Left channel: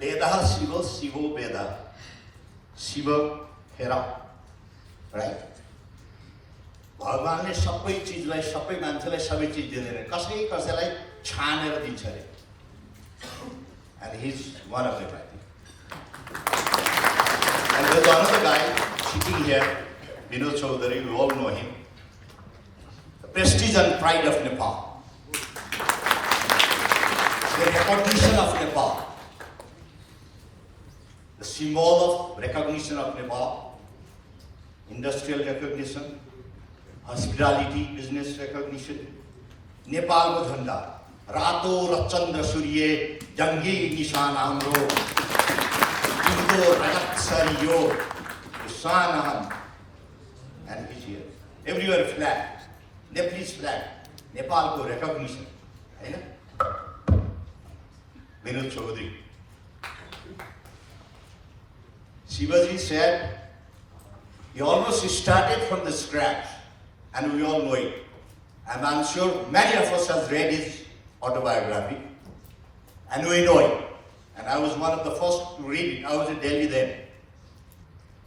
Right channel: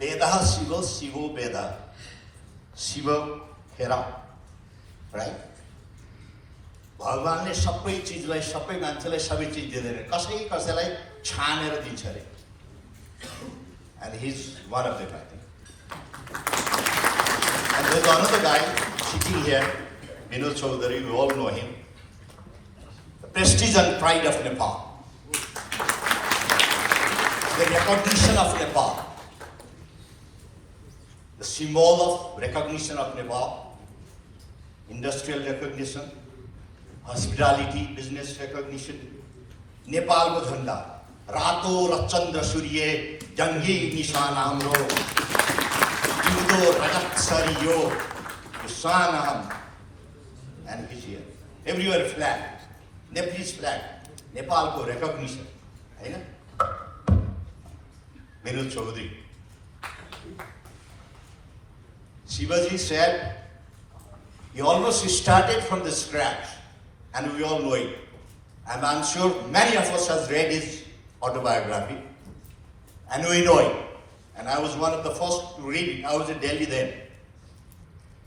Vedaha Shiva, Shivo Veda. Shiva Hera. Right? भगवानले सबै चिजलाई सबै मान्छेलाई सबै चिज दिँदैन कसैलाई छानेर दिन्छ अरे and he's one of them I think. And there's another guy sitting here, Vinod Chaudhary, you all know him. The prestige and pride of Nepal. The recognition of Nepal. The symbol of recognition of Nepal. Industrial recognition. Hospitality, business recognition. Nepal ko झण्डा रातो र चन्द्र सूर्य जङ्गी निशान हाम्रो तिम्रो रजत सरियो निशान हम and he's here everywhere flag Nepalese flag Nepal ko recognition Hahn Vinod Chaudhary Shivaji said he almost started from the scratch and we all know it and I'm sure many of us have read his autobiography and we know it and I was one of the first to read it. I was in Delhi then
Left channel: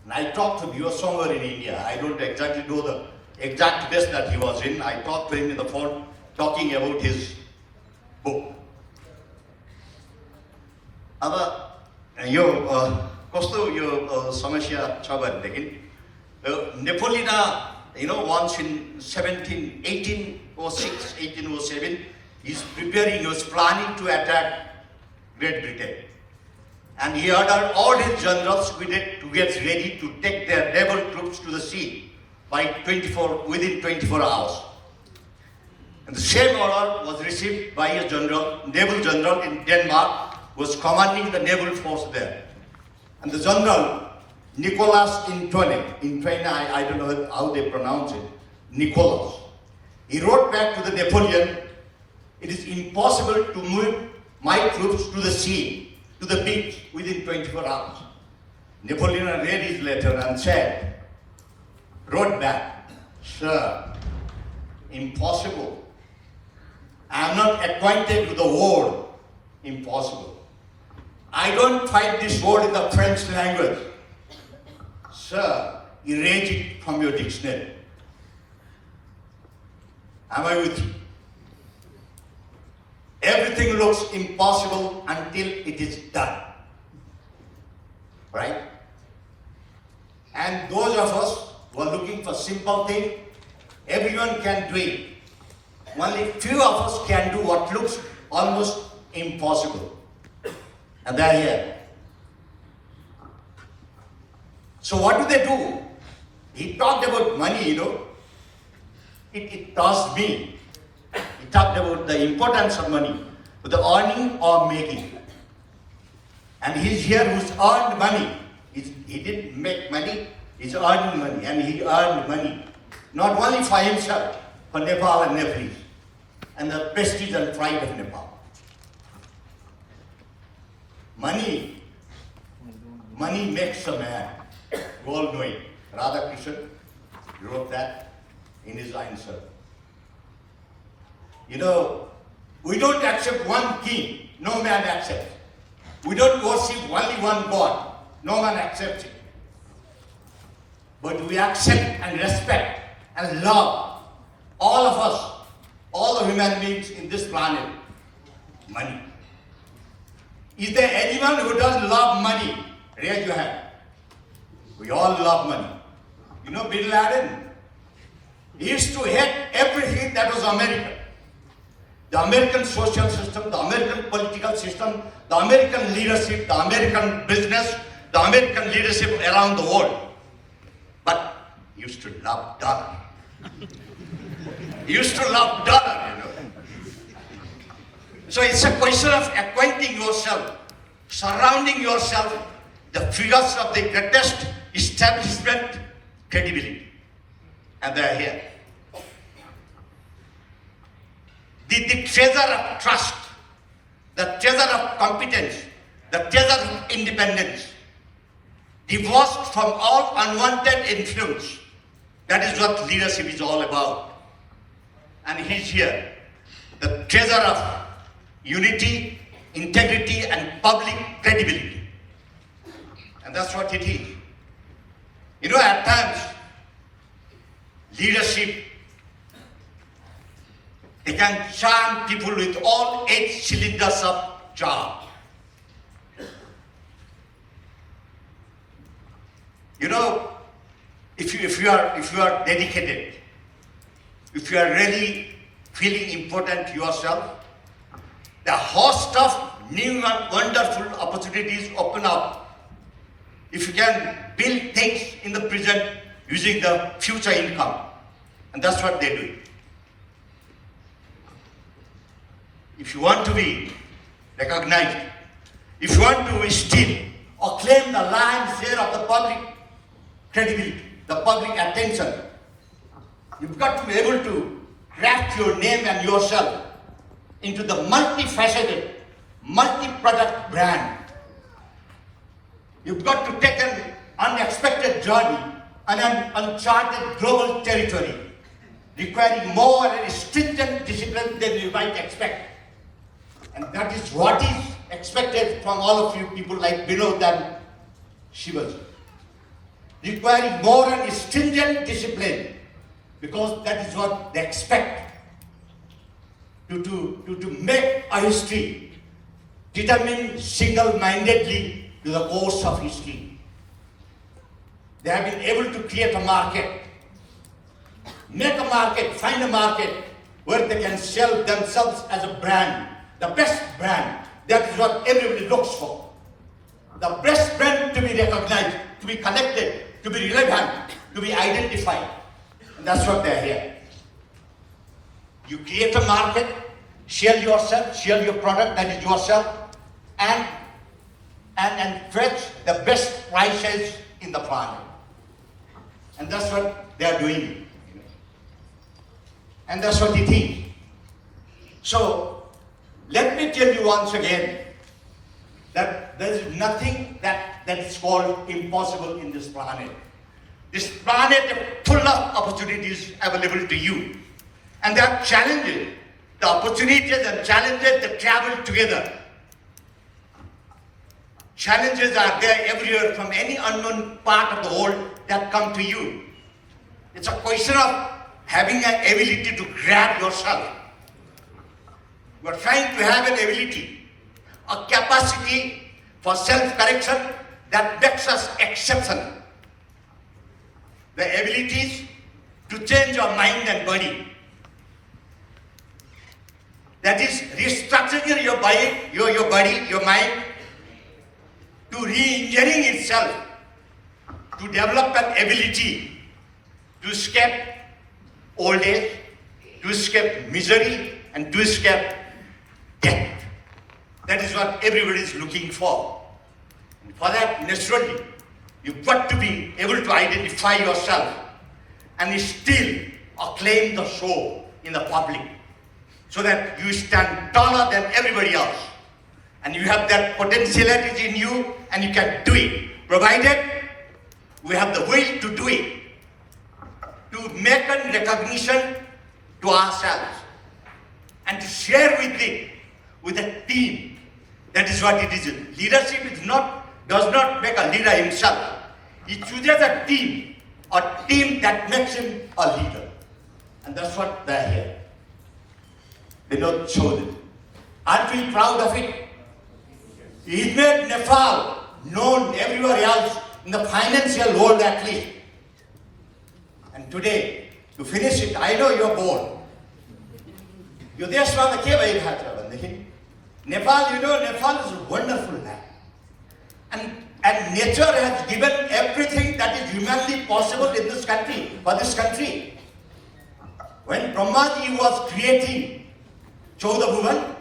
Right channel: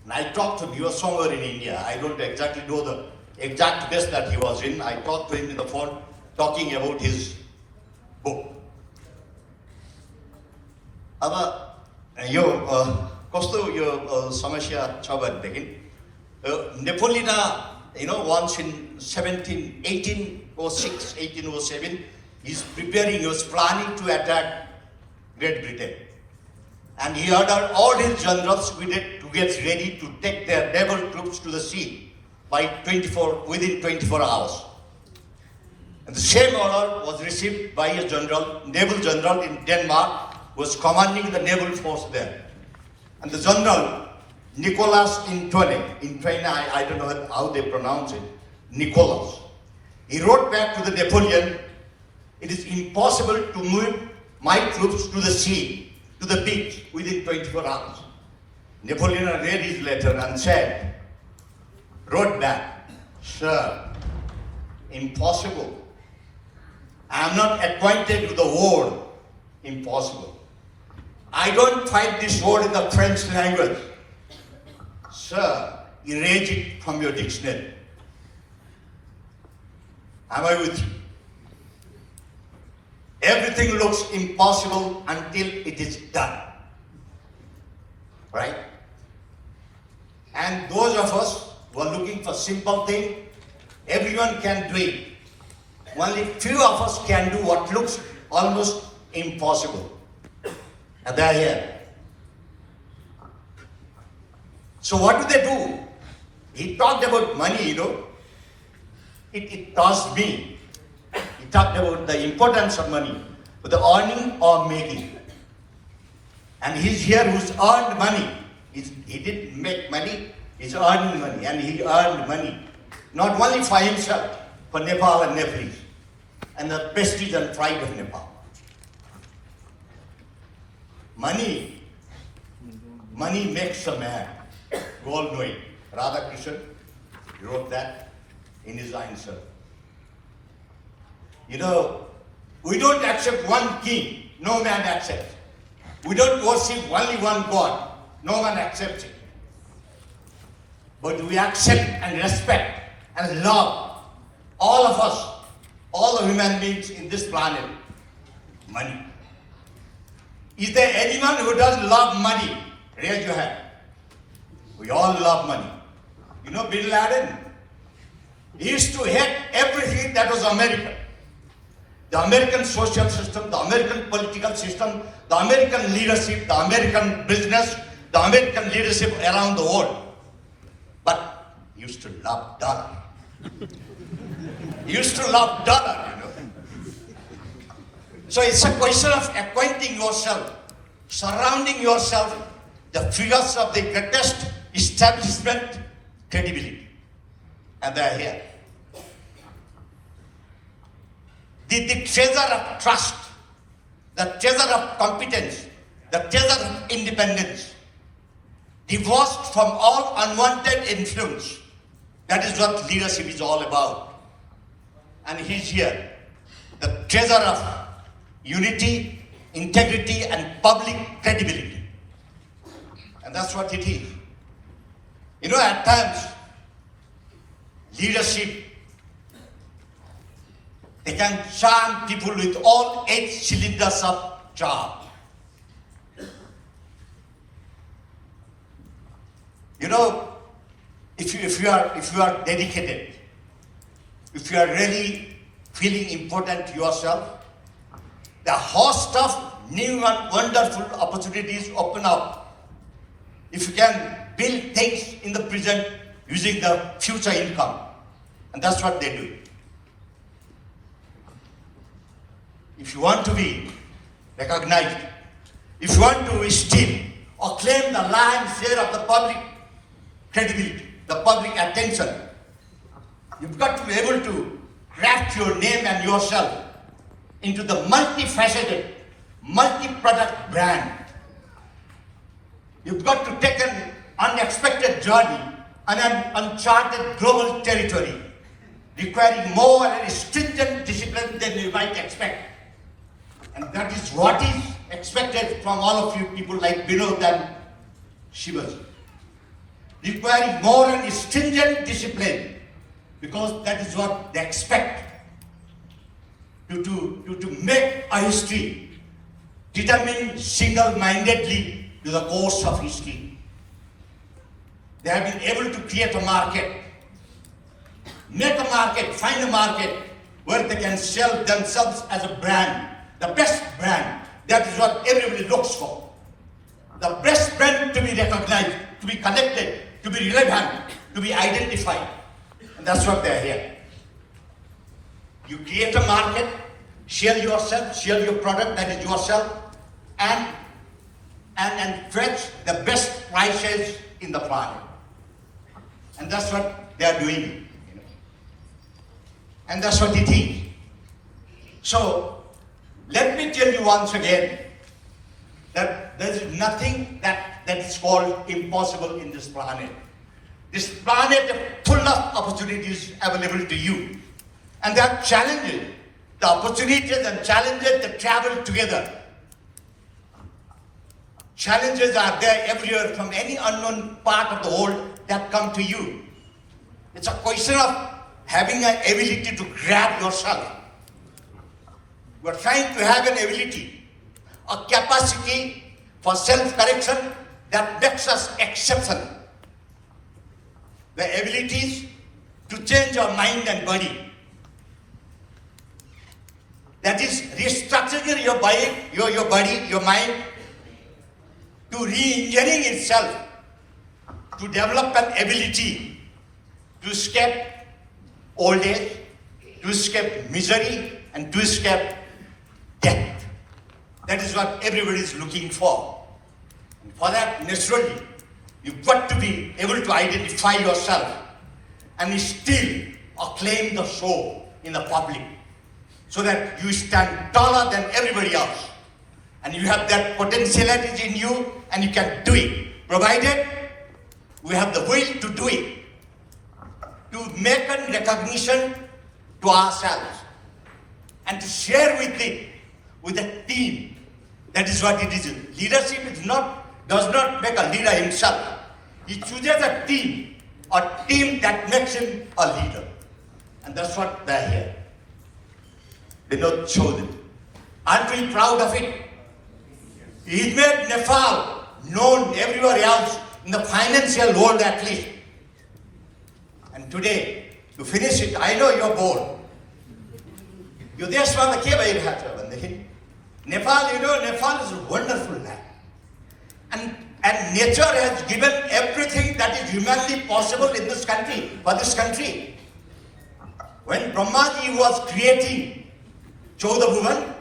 and I talked to him. He was somewhere in India. I don't exactly know the exact place that he was in. I talked to him in the phone talking about his book. अब यो कस्तो यो समस्या छ भनेदेखि Napoleon once in 1806, 1807, he's preparing, he was planning to attack Great Britain. And he ordered all his generals to get ready to take their naval troops to the sea within 24 hours. And the same order was received by a naval general in Denmark, who was commanding the naval force there. And the general, Nicholas Intone, I don't know how they pronounce it, Nicholas. He wrote back to the Napoleon, it is impossible to move my troops to the sea, to the beach within 24 hours. Napoleon read his letter and wrote back, sir, impossible. I am not acquainted with the word, impossible. I don't find this word in the French language. Sir, erase it from your dictionary. Am I with you? Everything looks impossible until it is done. Right? And those of us who are looking for simple things, everyone can do it. Only few of us can do what looks almost impossible. And they are here. So what do? He talked about money, It caused me. He talked about the importance of money, the earning or making. And he's here who's earned money. He didn't make money, he's earning money. And he earned money. Not only for himself, for Nepal and Nepalese. And the prestige and pride of Nepal. Money makes a man. You all know it. Radhakrishnan wrote that in his answer. We don't accept one king, no man accepts. We don't worship only one God, no man accepts it. But we accept and respect and love all of us, all the human beings in this planet. Money. Is there anyone who doesn't love money? Raise your hand. We all love money. Bin Laden, he used to hate everything that was American. The American social system, the American political system, the American leadership, the American business, the American leadership around the world. But he used to love dollar. He used to love dollar. So it's a question of acquainting yourself, surrounding yourself, the figures of the greatest establishment credibility. And they are here. The treasure of trust, the treasure of competence, the treasure of independence, divorced from all unwanted influence. That is what leadership is all about. And he's here. The treasure of unity, integrity, and public credibility. And that's what it is. You know, at times, leadership, they can charm people with all 8 cylinders of charm. You know, if you are dedicated, if you are really feeling important to yourself, the host of new and wonderful opportunities open up. If you can build things in the present using the future income, and that's what they do. If you want to be recognized, if you want to steal or claim the lion's share of the public credibility, the public attention, you've got to be able to craft your name and yourself into the multifaceted, multi-product brand. You've got to take an unexpected journey on an uncharted global territory, requiring more and stringent discipline than you might expect. And that is what is expected from all of you people like Vinod and Shivaji. Requiring more and stringent discipline, because that is what they expect. To make a history, determined single-mindedly to the course of history. They have been able to create a market, make a market, find a market where they can sell themselves as a brand, the best brand. That is what everybody looks for. The best brand to be recognized, to be connected, to be relevant, to be identified. And that's what they are here. You create a market, sell yourself, sell your product, that is yourself, and fetch the best prices in the planet. And that's what they are doing. And that's what it is. So, let me tell you once again that there is nothing that is called impossible in this planet. This planet is full of opportunities available to you. And there are challenges. The opportunities and challenges that travel together. Challenges are there everywhere from any unknown part of the world that come to you. It's a question of having an ability to grab yourself. You are trying to have an ability, a capacity for self-correction that makes us exceptional. The abilities to change your mind and body. That is restructuring your body, your mind, to re-engineering itself, to develop an ability to escape old age, to escape misery, and to escape death. That is what everybody is looking for. And for that, naturally, you've got to be able to identify yourself and still acclaim the show in the public, so that you stand taller than everybody else. And you have that potentiality in you, and you can do it, provided we have the will to do it, to make a recognition to ourselves, and to share with it with a team. That is what it is. Leadership does not make a leader himself. He chooses a team that makes him a leader. And that's what they are here. They not chosen. Aren't we proud of it? He made Nepal known everywhere else in the financial world at least. And today, to finish it, I know you're bored. You just want to keep it. Nepal, Nepal is a wonderful land. And nature has given everything that is humanly possible in this country, for this country. When Brahmaji was creating Chauda Bhuvan,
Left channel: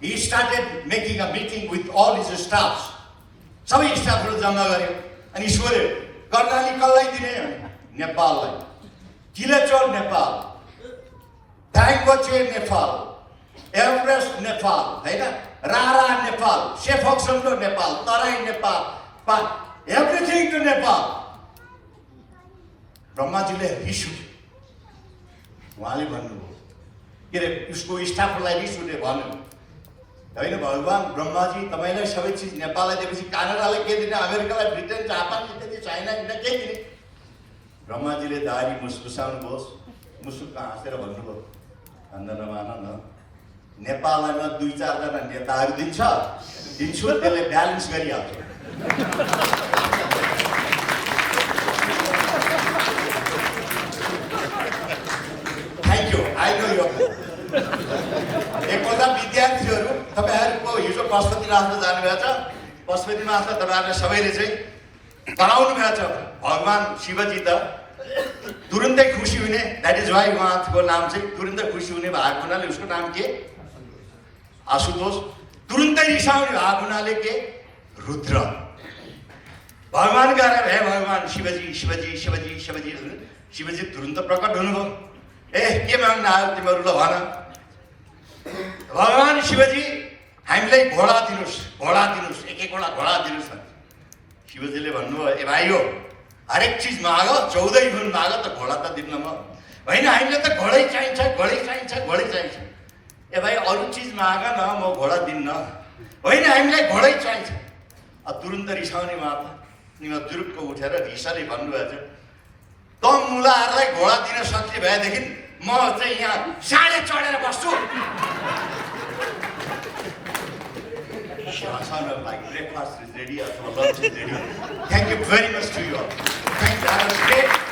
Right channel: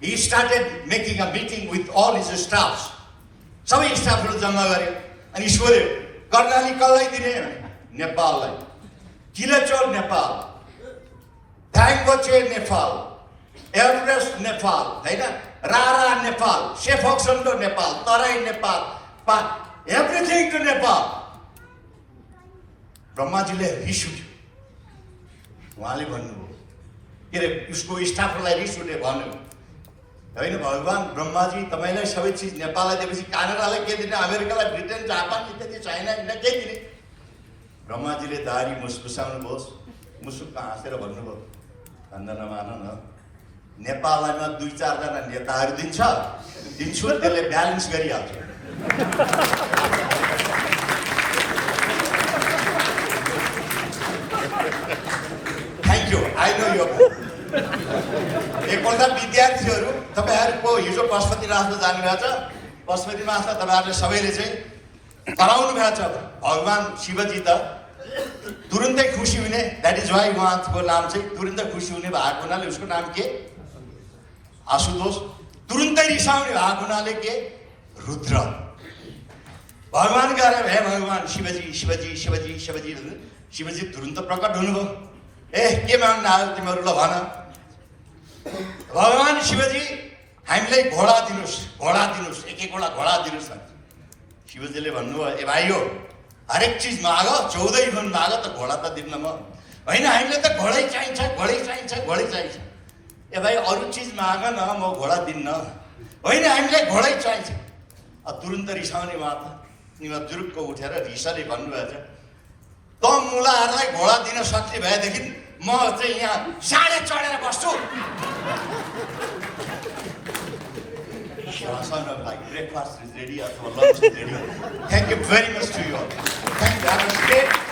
he started making a meeting with all his staffs. Some staff will jama gare, and he swore, Karnali Kallai Dine, Nepal. Kilachor, Nepal. Dangboche, Nepal. Everest, Nepal. Rara, Nepal. Shefoksando, Nepal. Tarai, Nepal. Everything to Nepal. Brahmaji issued. उहाँले भन्नुभयो के अरे उसको स्टाफलाई रिस उठे भन्नु होइन भगवान ब्रह्माजी तपाईँलाई सबै चिज नेपाललाई दिएपछि कानाडालाई के दिने, अमेरिकालाई, ब्रिटेन, जापान इत्यादि, चाइना किन के दिने? ब्रह्माजीले दारी मुस्कुसाउनुभयोस्, मुसुक्क हाँसेर भन्नुभयो, भन्दा नमान न, नेपाललाई म 2-4 जना नेताहरू दिन्छु, त्यसले ब्यालेन्स गरिहाल्छ। थ्याङ्क यू, आई नो यु। एकपल्ट विद्यार्थीहरू तपाईँहरूको हिजो पशुपतिनाथमा जानुभएको छ, पशुपतिनाथमा तपाईँहरूले सबैले चाहिँ कराउनु भएको छ। भगवान शिवजी त तुरुन्तै खुसी हुने, द्याट इज वाइ उहाँको नाम चाहिँ तुरुन्तै खुसी हुने भएको हुनाले उसको नाम के? आशुतोष। तुरुन्तै रिसाउने भएको हुनाले के? रुद्र। भगवान गएर हे भगवान शिवजी शिवजी शिवजी शिवजी शिवजी तुरुन्त प्रकट हुनुभयो। ए के माग्न आयो तिमीहरू, ल भन। भगवान शिवजी हामीलाई घोडा दिनुहोस्, एक-एकवटा घोडा दिनुहोस्। शिवजीले भन्नुभयो, ए भाइ हो हरेक चिज माग, 14 गुण माग त घोडा त दिन्न म। होइन हामीलाई त घोडै चाहिन्छ। ए भाइ अरू चिज माग न, म घोडा दिन्न। होइन हामीलाई घोडै चाहिन्छ। तुरुन्त रिसाउने माता निमा जुरुक्क उठेर रिसाले भन्नुभएको छ, त मुलाहरूलाई घोडा दिन सक्ने भएदेखि म चाहिँ यहाँ साँडे चढेर बस्छु। Breakfast is ready, lunch is ready. Thank you very much to you all. Thank you.